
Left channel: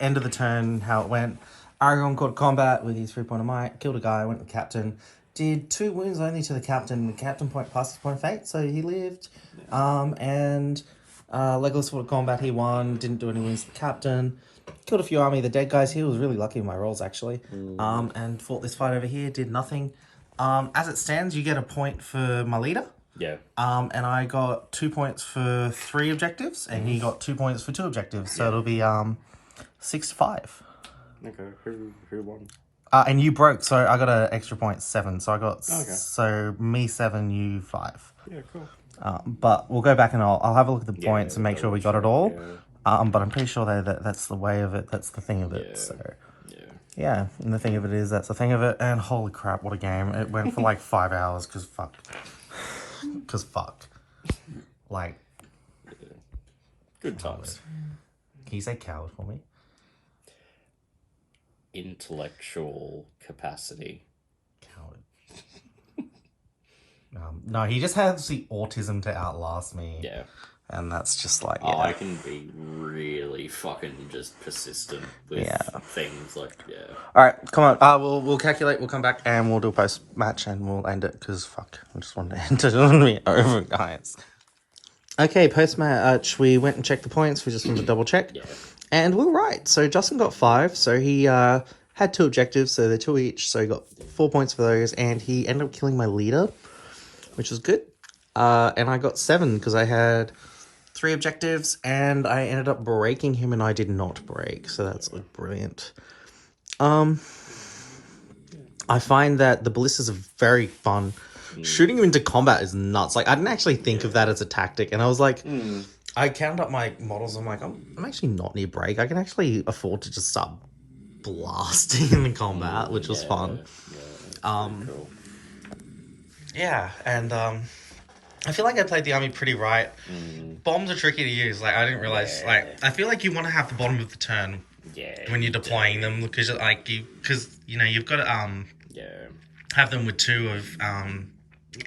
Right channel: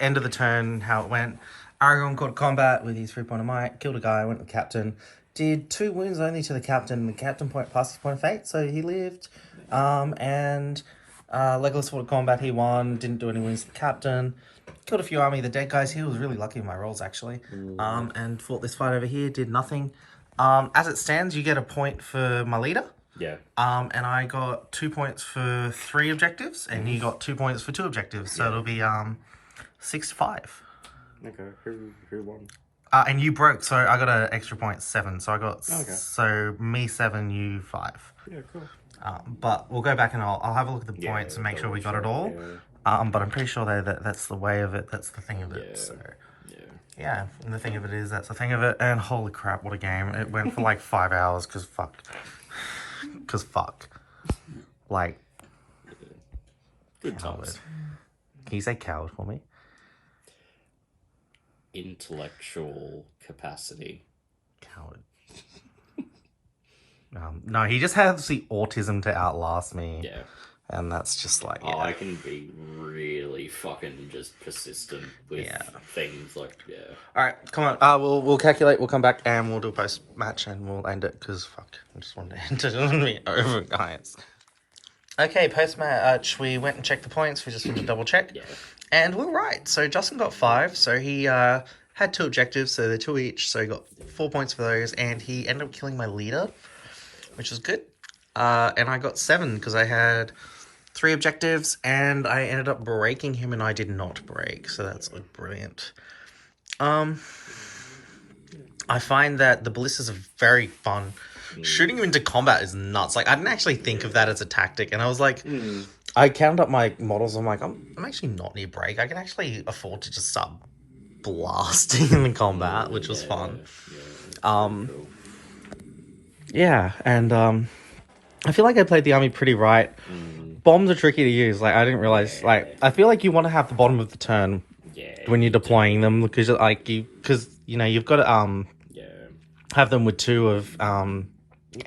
end of the turn, how it went. Aragorn caught combat with his 3-point of might, killed a guy, went with captain, did 2 wounds only to the captain. The captain passed his point of fate, so he lived. And Legolas fought a combat, he won, didn't do any wounds to the captain. Killed a few Army of the Dead guys. He was really lucky with my rolls, actually. And fought this fight over here, did nothing. As it stands, you get a point for my leader. Yeah. And I got 2 points for 3 objectives, and he got 2 points for 2 objectives. So it'll be 6-5. Okay, who won? And you broke, so I got an extra point, 7. So I got Okay. me 7, you 5. Yeah, cool. But we'll go back and I'll have a look at the points and make sure we got it all. Yeah. But I'm pretty sure that's the way of it. That's the thing of it. Yeah. So Yeah. yeah, and the thing of it is that's the thing of it. And holy crap, what a game! It went for like 5 hours because fuck. Like, Good times. can you say coward for me? Intellectual capacity. Coward. No, he just has the autism to outlast me. Yeah. And that's just like, Oh, I can be really fucking just persistent with things like, yeah. All right, come on. We'll calculate. We'll come back and we'll do a post match and we'll end it because fuck, I just wanted to end it on me over, guys. Okay, post match. We went and checked the points. We just wanted to double check. Yeah. And we're right. So Justin got 5. So he had 2 objectives. So they're 2 each. So he got 4 points for those. And he ended up killing my leader, which was good. And I got 7 because I had 3 objectives, and I ended up breaking him, and I did not break, so that's like brilliant. I find that the ballistas are very fun. Shooting him into combat is nuts. Like, I didn't actually think of that as a tactic, and I was like, I counted up my models. I'm like, I'm actually not near break. I can actually afford to just start blasting in combat, which was fun. Cool. Yeah, and I feel like I played the army pretty right. Bombs are tricky to use. Like, I didn't realize. Yeah. Like, I feel like you want to have the bottom of the turn when you're deploying them, because you know, you've got to have them with 2 of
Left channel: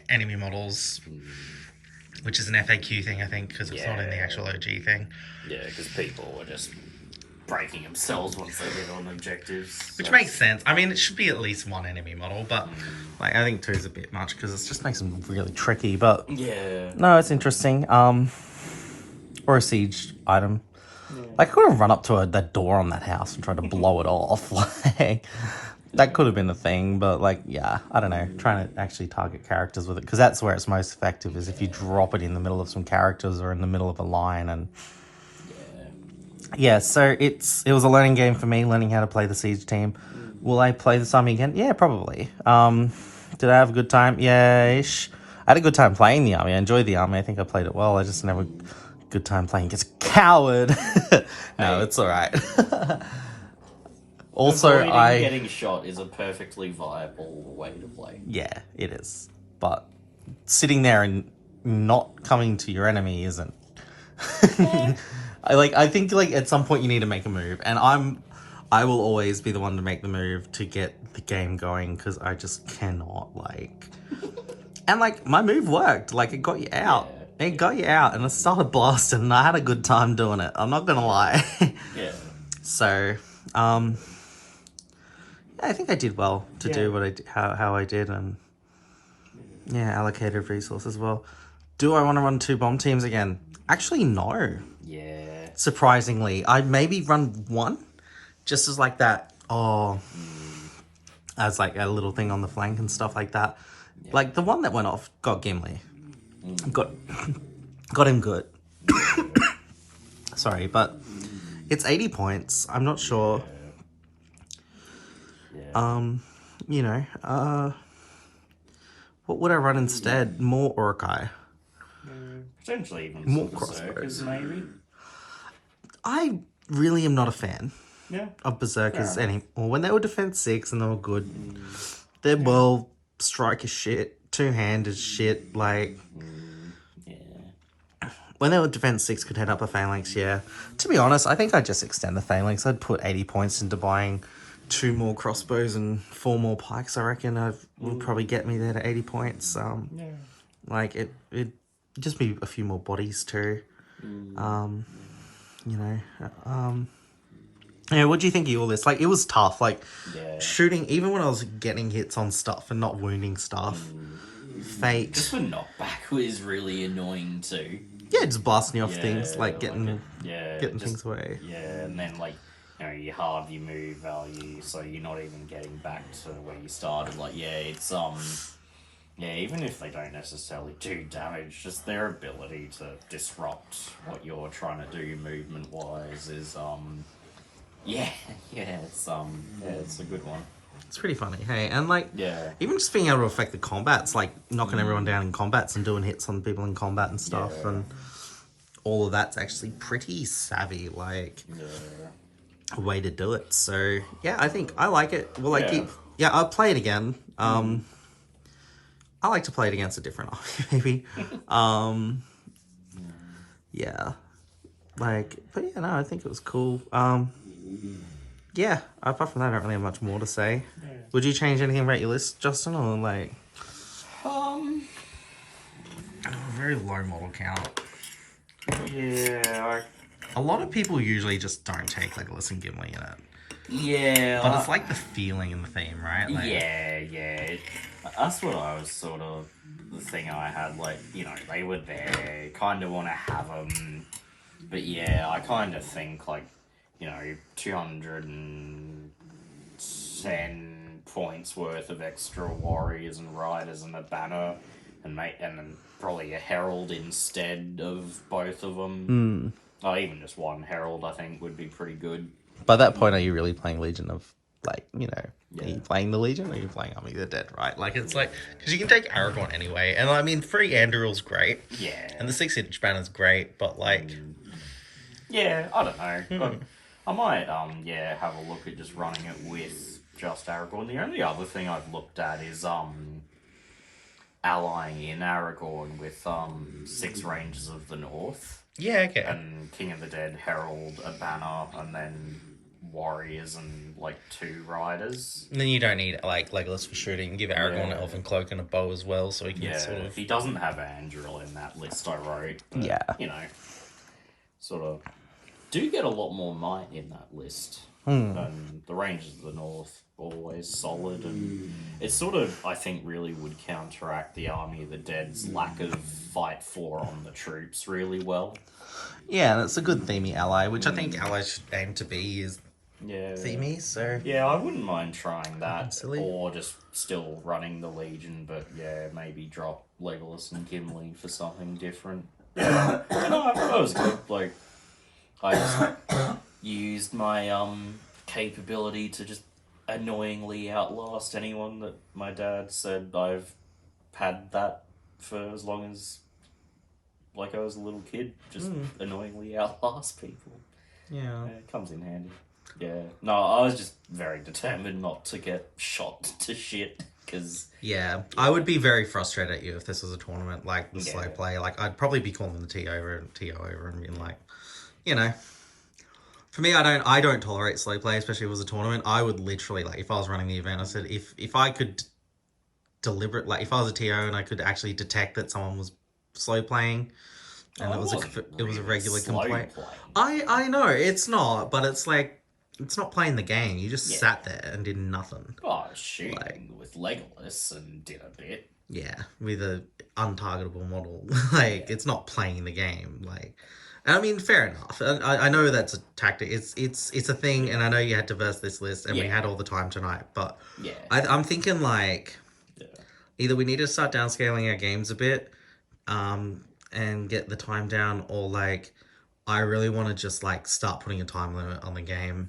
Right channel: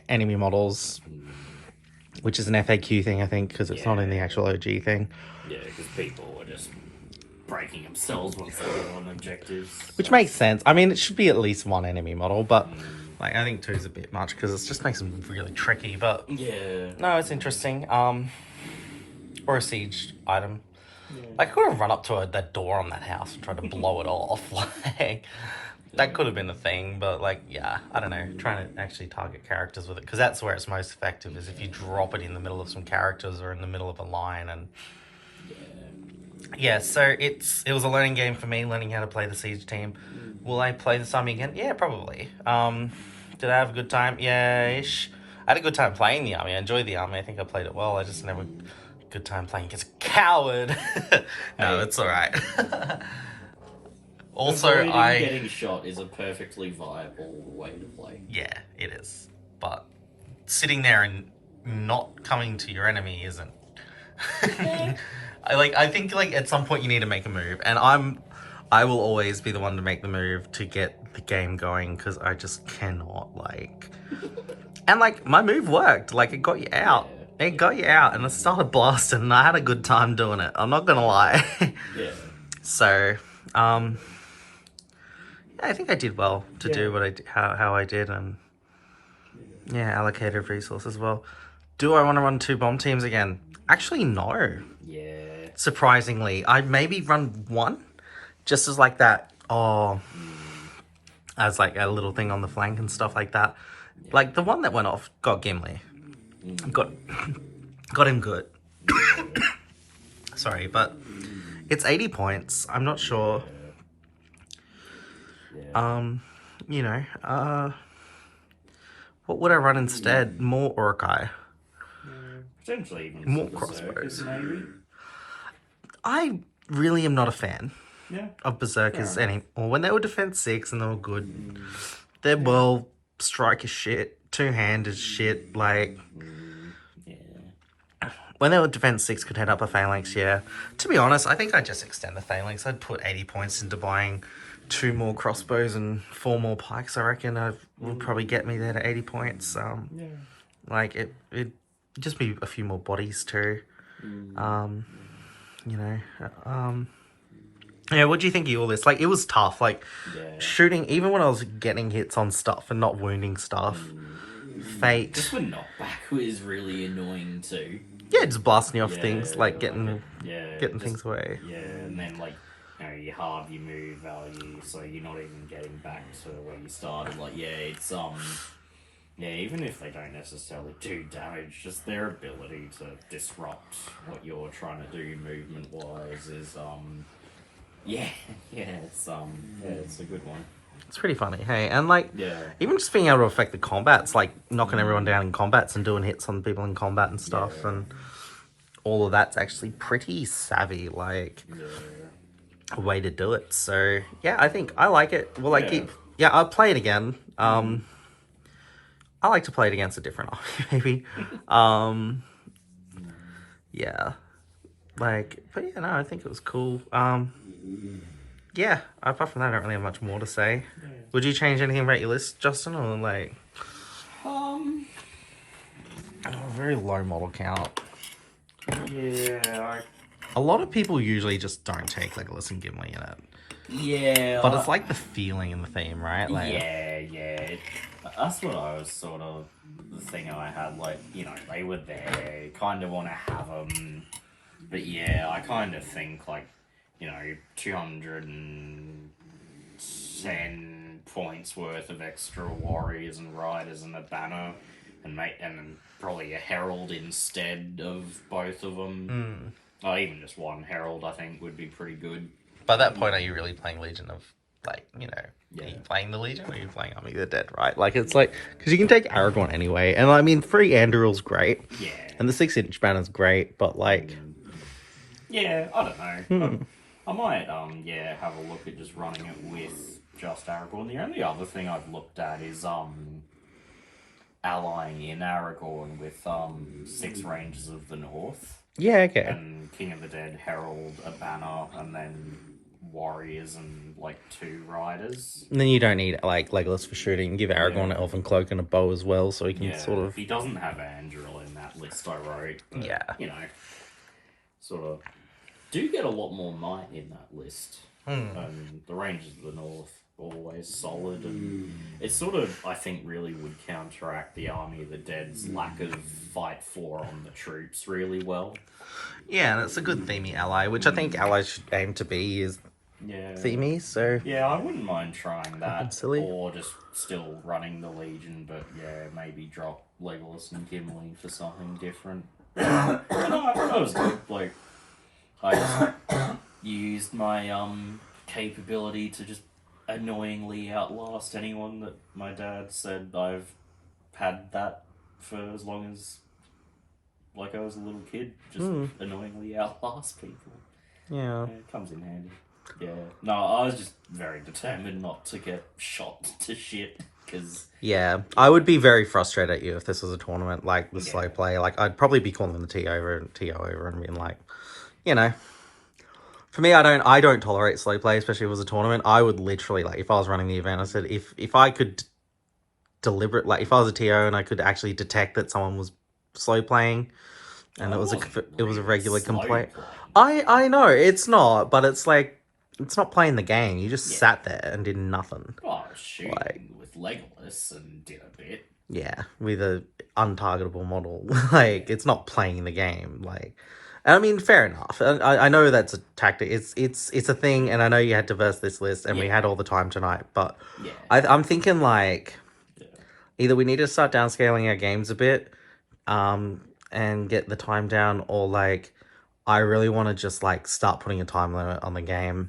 enemy models, which is an FAQ thing, I think, because it's not in the actual OG thing. Yeah, because people are just breaking themselves once they get on objectives. Which makes sense. I mean, it should be at least 1 enemy model, but like, I think 2 is a bit much because it just makes them really tricky. But yeah, no, it's interesting. Or a siege item. Like, I could have run up to that door on that house and tried to blow it off. Like, that could have been a thing, but like, yeah, I don't know. Trying to actually target characters with it, because that's where it's most effective, is if you drop it in the middle of some characters or in the middle of a line. And yeah, so it was a learning game for me, learning how to play the siege team. Will I play this army again? Yeah, probably. Did I have a good time? Yeah-ish. I had a good time playing the army. I enjoyed the army. I think I played it well. I just never good time playing against a coward. No, it's all right. Also, avoiding getting shot is a perfectly viable way to play. Yeah, it is. But sitting there and not coming to your enemy isn't. I think like at some point you need to make a move, and I will always be the one to make the move to get the game going, because I just cannot, like. And like, my move worked. Like, it got you out. It got you out, and I started blasting, and I had a good time doing it. I'm not gonna lie. Yeah. So, yeah, I think I did well to do what I how I did, and yeah, allocated resources well. Do I want to run 2 bomb teams again? Actually, no. Yeah. Surprisingly, I maybe run 1, just as like that. As like a little thing on the flank and stuff like that. Yeah. Like the one that went off got Gimli, got him good. Sorry, but it's 80 points. I'm not sure. You know, what would I run instead? More Orkai. Potentially even more some crossbows, berserkers, maybe. I really am not a fan of berserkers anymore. When they were defense 6 and they were good, their bow strike is shit, 2-hand is shit. Like, when they were defense 6, could head up a phalanx. Yeah, to be honest, I think I'd just extend the phalanx. I'd put 80 points into buying 2 more crossbows and 4 more pikes. I reckon will probably get me there to 80 points. Like it just be a few more bodies too. You know, yeah, what do you think of all this? Like, it was tough, like, shooting, even when I was getting hits on stuff and not wounding stuff. Fate. Just for knockback is really annoying too. Yeah, just blasting off things, like getting things away. Yeah, and then, like, you know, you halve your move value, so you're not even getting back to where you started. Like, it's, yeah, even if they don't necessarily do damage, just their ability to disrupt what you're trying to do movement-wise is, it's a good one. It's pretty funny, hey? And, like, even just being able to affect the combats, like, knocking everyone down in combats and doing hits on people in combat and stuff, and all of that's actually pretty savvy, like, a way to do it. So, yeah, I think I like it. Will I keep... Yeah, I'll play it again. I like to play it against a different army, maybe. Yeah. Like, but yeah, no, I think it was cool. Yeah, apart from that, I don't really have much more to say. Would you change anything about your list, Justin, or like... A very low model count. Yeah. A lot of people usually just don't take Legolas and Gimli in it. Yeah. But it's like the feeling and the theme, right? Like, That's what I was sort of... The thing I had, like, you know, they were there, kind of want to have them. But yeah, I kind of think, like, you know, 210 points worth of extra warriors and riders and a banner and then probably a herald instead of both of them. Oh, even just one herald, I think, would be pretty good. By that point, are you really playing Legion of, like, you know, Yeah. are you playing the Legion or are you playing Army of the Dead, right? Like, it's like, because you can take Aragorn anyway, and I mean, 3 Anduril's great, Yeah. and the 6-inch banner's great, but like, Yeah, I don't know. I might, have a look at just running it with just Aragorn. The only other thing I've looked at is, allying in Aragorn with, 6 Rangers of the North. yeah, okay. And King of the Dead, Herald, a banner, and then warriors and, like, 2 riders. And then you don't need, like, Legolas for shooting. Give Aragorn an Yeah. elven cloak and a bow as well, so he can Yeah, sort of... he doesn't have Anduril in that list I wrote. But, Yeah. you know, sort of do get a lot more might in that list. And the Rangers of the North, always solid. And it sort of, I think, really would counteract the Army of the Dead's lack of fight floor on the troops really well. Yeah, and it's a good themey ally, which I think allies should aim to be, is Yeah. themey, so... Yeah, I wouldn't mind trying that. Silly. Or just still running the Legion, but yeah, maybe drop Legolas and Gimli for something different. No, that was good. Like, I just used my capability to just annoyingly outlast anyone that my dad said I've had that for as long as, like, I was a little kid. Just annoyingly outlast people. Yeah. Yeah, it comes in handy. Yeah. No, I was just very determined not to get shot to shit, because... Yeah, I would be very frustrated at you if this was a tournament, like, the slow Yeah. play. Like, I'd probably be calling the TO over and being like, you know... For me, I don't tolerate slow play, especially if it was a tournament. I would literally, like, if I was running the event, I said, if I could deliberate, like, if I was a TO and I could actually detect that someone was slow playing, and it was a regular complaint. I know, it's not, but it's like, it's not playing the game. You just sat there and did nothing. Oh, I was shooting Like- with Legolas and did a bit. Yeah, with a untargetable model. Like, it's not playing the game. Like, I mean, fair enough. I know that's a tactic. It's a thing, and I know you had to verse this list, and we Yeah. had all the time tonight. But Yeah. I'm thinking, like, Yeah. either we need to start downscaling our games a bit, and get the time down, or like, I really want to just like start putting a time limit on the game.